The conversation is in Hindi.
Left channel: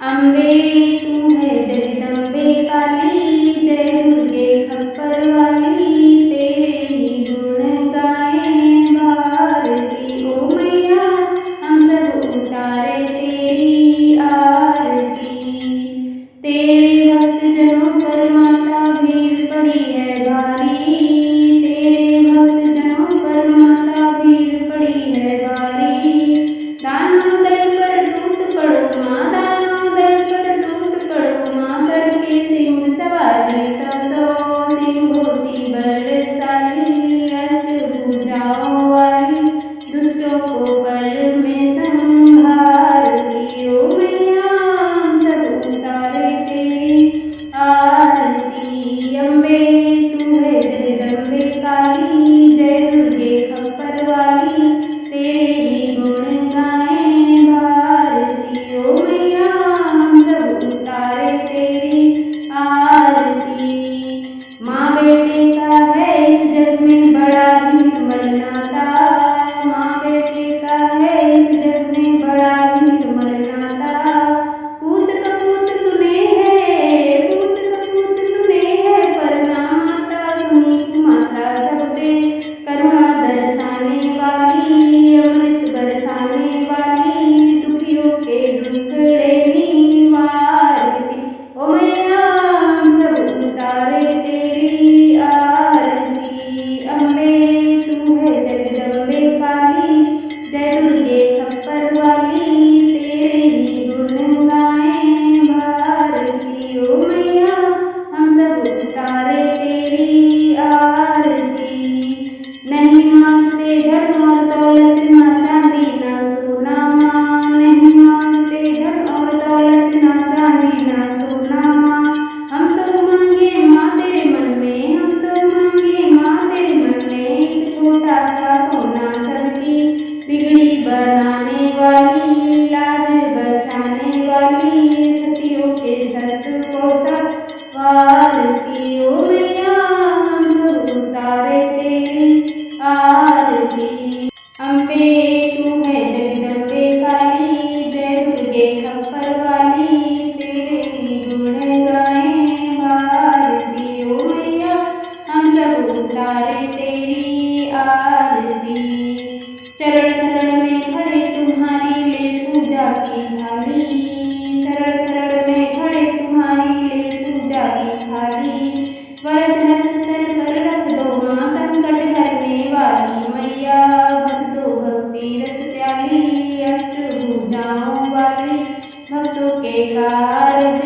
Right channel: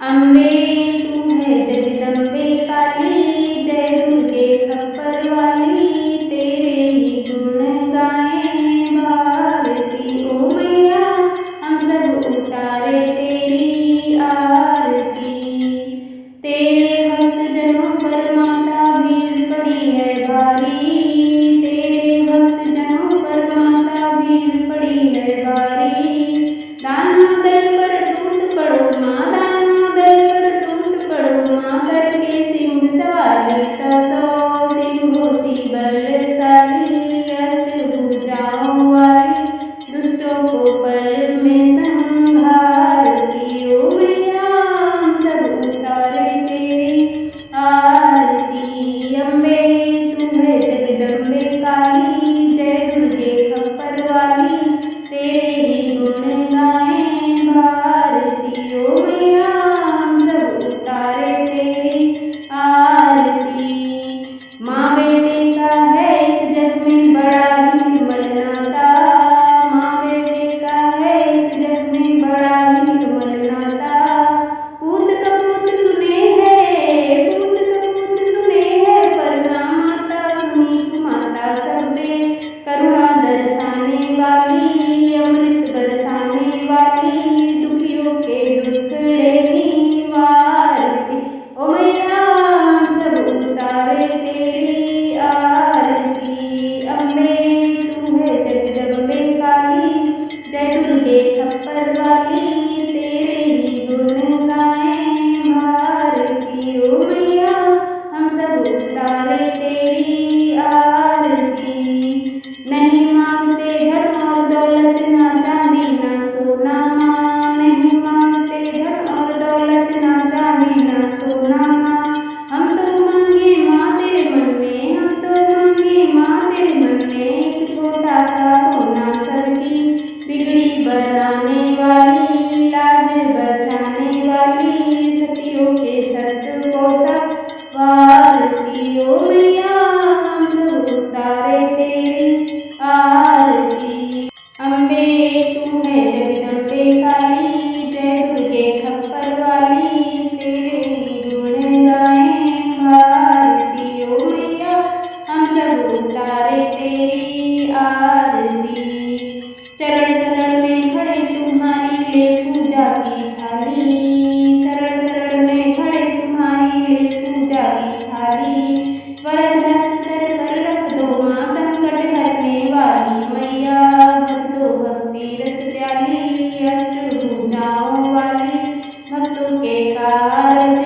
अम्बे तू है जगदम्बे काली, जय दुर्गे खप्पर वाली, तेरे ही गुण गाएं भारती। ओ मैया हम सब उतारे तेरी आरती। तेरे भक्त जनों पर माता भीड़ पड़ी है भारी, तेरे भक्त जनों पर माता भीड़ पड़ी है भारी। दानों दल पर टूट पड़ो माँ, दानों दल पर टूट पड़ो माँ, करके सिंह सवारी सौ सिंहों सी बलशाली, अष्टभुजाओं वाली दुष्टों को पल में संहारती। ओ मैया हम सब उतारे तेरी आरती। अम्बे तू है जगदम्बे काली, जय दुर्गे खप्पर वाली, तेरे ही गुण गाएं भारती। ओ मैया हम सब उतारे तेरी आरती। माँ बेटे का है इस जग में बड़ा ही निर्मल नाता, माँ बेटे का है इस जग में बड़ा ही निर्मल नाता। पूत कपूत सुने हैं, पूत कपूत सुने हैं, पर ना माता सुनी कुमाता। सब पे करुणा दर्शाने वाली, अमृत बरसाने वाली, दुखियों के दुखड़े निवारती। ओ मैया हम सब उतारे तेरी आरती। अम्बे तू है जगदम्बे काली, जय दुर्गे खप्पर वाली, तेरे ही गुण गाएं भारती। ओ मैया हम सब उतारे तेरी आरती। नहीं मांगते धन और दौलत, ना चांदी ना सोना माँ, नहीं मांगते धन और दौलत, ना चांदी ना सोना माँ। हम तो मांगे माँ तेरे मन में, हम तो मांगे माँ तेरे मन में, एक छोटा सा कोना सबकी बिगड़ी बनाने वाली, लाज बचाने वाली, सतियों के सत को संवारती। ओ मैया हम सब उतारे तेरी आरती। अम्बे तू है जगदम्बे काली, जय दुर्गे खप्पर वाली, तेरे ही गुण गाएं भारती। ओ मैया हम सब उतारे तेरी आरती। चरण शरण में खड़े तुम्हारी ले पूजा की थाली, चरण शरण में खड़े तुम्हारी ले पूजा की थाली। वरद हस्त सर पर रख दो माँ, संकट हरने वाली मैया, भर दो भक्ति रस प्याली, अष्टभुजाओं वाली, भक्तों के कारज